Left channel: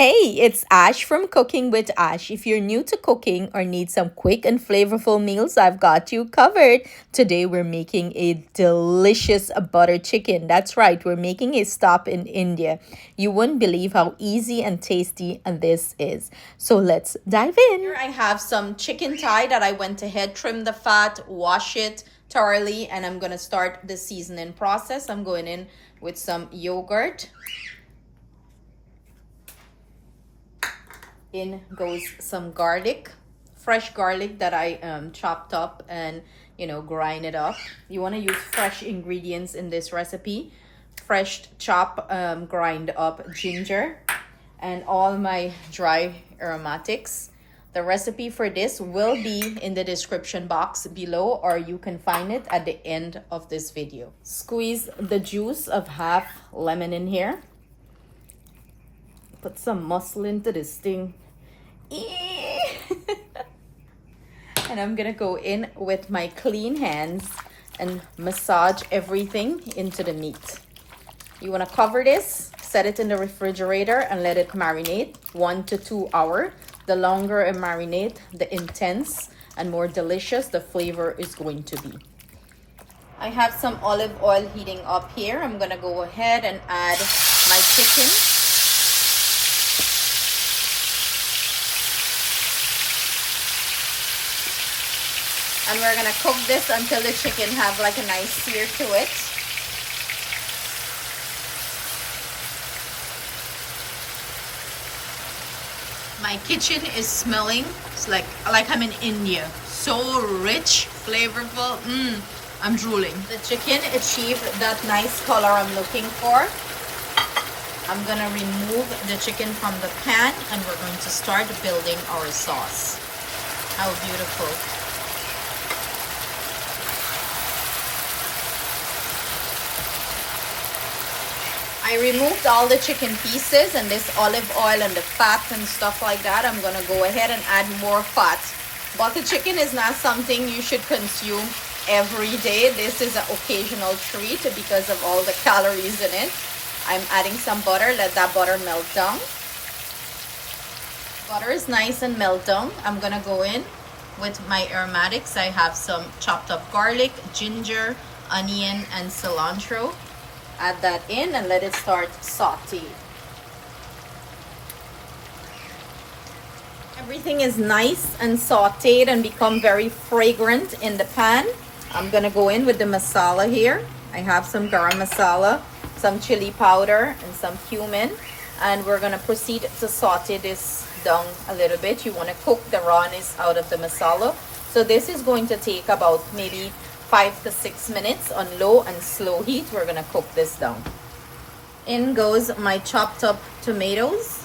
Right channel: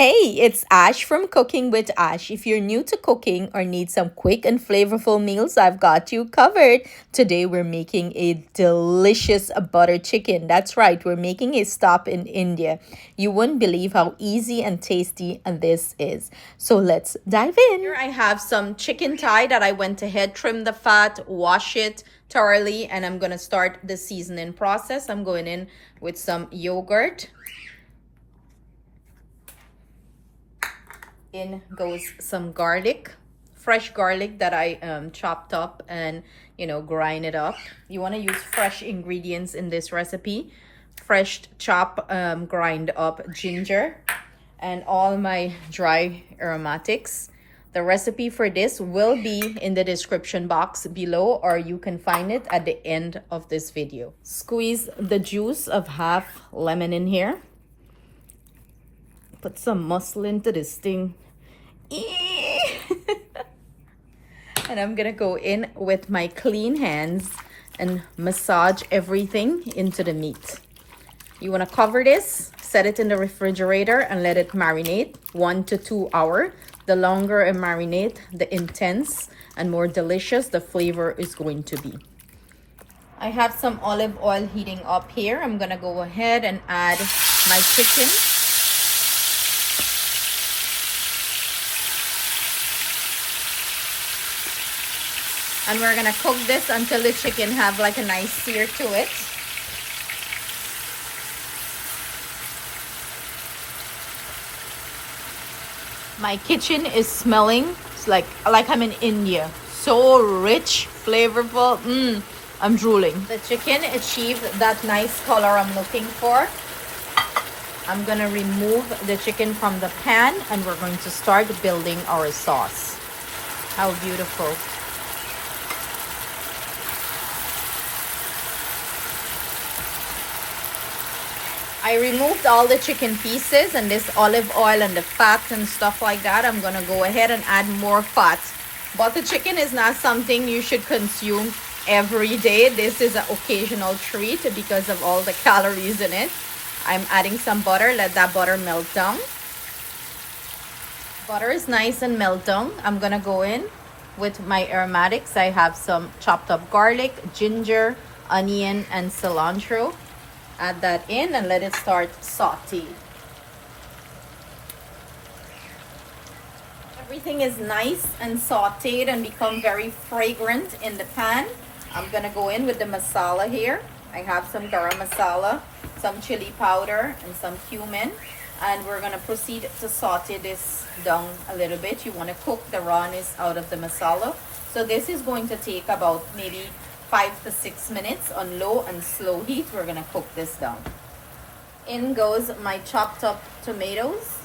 Hey, it's Ash from Cooking with Ash. If you're new to cooking or need some quick and flavorful meals, I've got you covered. Today we're making a delicious butter chicken. That's right, we're making a stop in India. You wouldn't believe how easy and tasty this is. So let's dive in. Here I have some chicken thigh that I went ahead, trim the fat, wash it thoroughly, and I'm going to start the seasoning process. I'm going in with some yogurt. In goes some garlic, fresh garlic that I chopped up and grind it up. You want to use fresh ingredients in this recipe. Fresh chop, grind up ginger, and all my dry aromatics. The recipe for this will be in the description box below, or you can find it at the end of this video. Squeeze the juice of half lemon in here. Put some muscle into this thing. And I'm gonna go in with my clean hands and massage everything into the meat. You wanna cover this, set it in the refrigerator and let it marinate 1 to 2 hours. The longer it marinate, the intense and more delicious the flavor is going to be. I have some olive oil heating up here. I'm gonna go ahead and add my chicken. And we're gonna cook this until the chicken have like a nice sear to it. My kitchen is smelling, it's like I'm in India. So rich, flavorful, I'm drooling. The chicken achieved that nice color I'm looking for. I'm gonna remove the chicken from the pan and we're going to start building our sauce. How beautiful. I removed all the chicken pieces and this olive oil and the fat and stuff like that. I'm going to go ahead and add more fat. Butter chicken is not something you should consume every day. This is an occasional treat because of all the calories in it. I'm adding some butter. Let that butter melt down. Butter is nice and melt down. I'm going to go in with my aromatics. I have some chopped up garlic, ginger, onion, and cilantro. Add that in and let it start sauteing. Everything is nice and sauteed and become very fragrant in the pan. I'm gonna go in with the masala here. I have some garam masala, some chili powder, and some cumin. And we're gonna proceed to saute this down a little bit. You wanna cook the rawness out of the masala. So this is going to take about maybe 5 to 6 minutes on low and slow heat. We're gonna cook this down. In goes my chopped up tomatoes,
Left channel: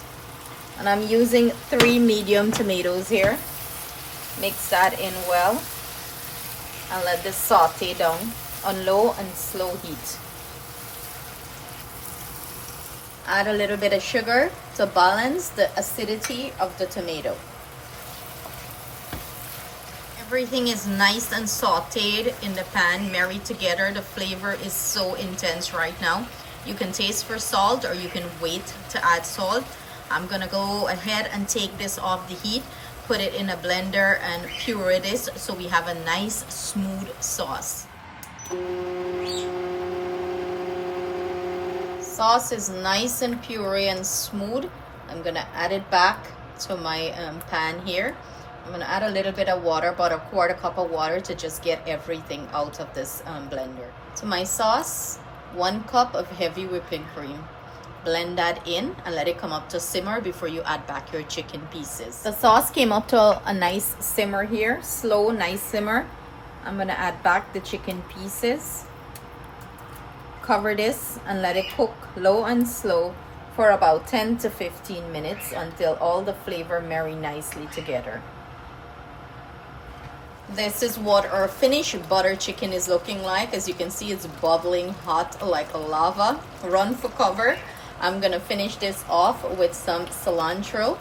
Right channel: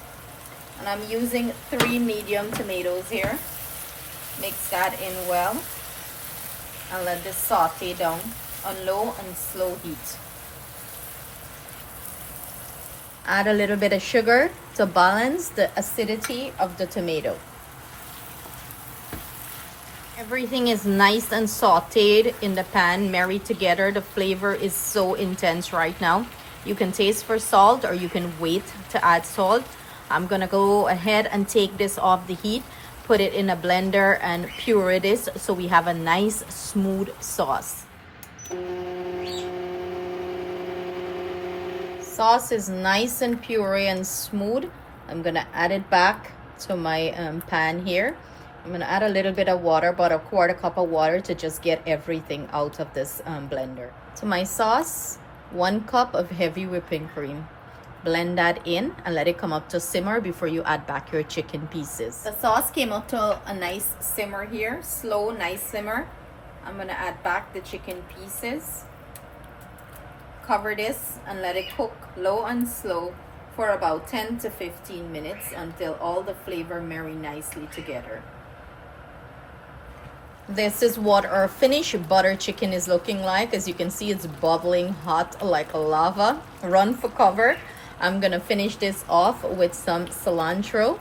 and I'm using 3 medium tomatoes here. Mix that in well and let this saute down on low and slow heat. Add a little bit of sugar to balance the acidity of the tomato. Everything is nice and sauteed in the pan, married together. The flavor is so intense right now. You can taste for salt or you can wait to add salt. I'm gonna go ahead and take this off the heat, put it in a blender and puree this so we have a nice smooth sauce. Sauce is nice and puree and smooth. I'm gonna add it back to my pan here. I'm gonna add a little bit of water, about a 1/4 cup of water to just get everything out of this blender. To my sauce, 1 cup of heavy whipping cream. Blend that in and let it come up to simmer before you add back your chicken pieces. The sauce came up to a nice simmer here, slow, nice simmer. I'm gonna add back the chicken pieces. Cover this and let it cook low and slow for about 10 to 15 minutes until all the flavor marry nicely together. This is what our finished butter chicken is looking like. As you can see, it's bubbling hot like lava. Run for cover. I'm gonna finish this off with some cilantro.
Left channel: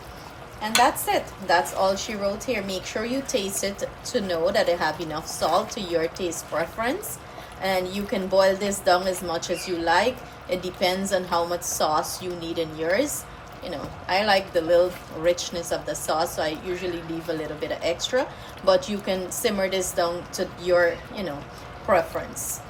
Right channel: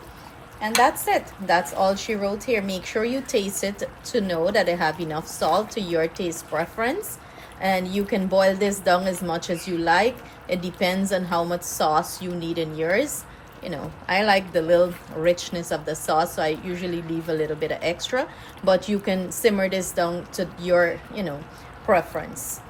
And that's it. That's all she wrote here. Make sure you taste it to know that it have enough salt to your taste preference. And you can boil this down as much as you like. It depends on how much sauce you need in yours. you know, I like the little richness of the sauce, so I usually leave a little bit of extra, but you can simmer this down to your, you know, preference.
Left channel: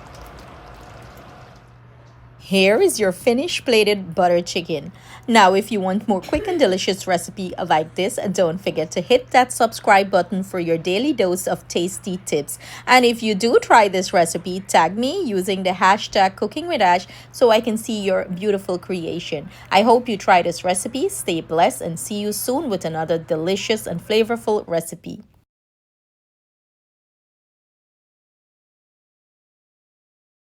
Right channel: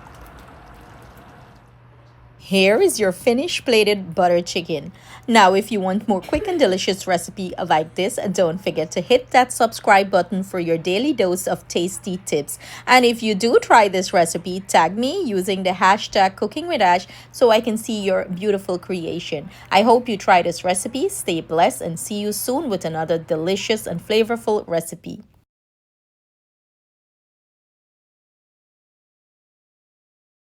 Here is your finished plated butter chicken. Now, if you want more quick and delicious recipe like this, don't forget to hit that subscribe button for your daily dose of tasty tips. And if you do try this recipe, tag me using the hashtag cooking with Ash so I can see your beautiful creation. I hope you try this recipe. Stay blessed and see you soon with another delicious and flavorful recipe.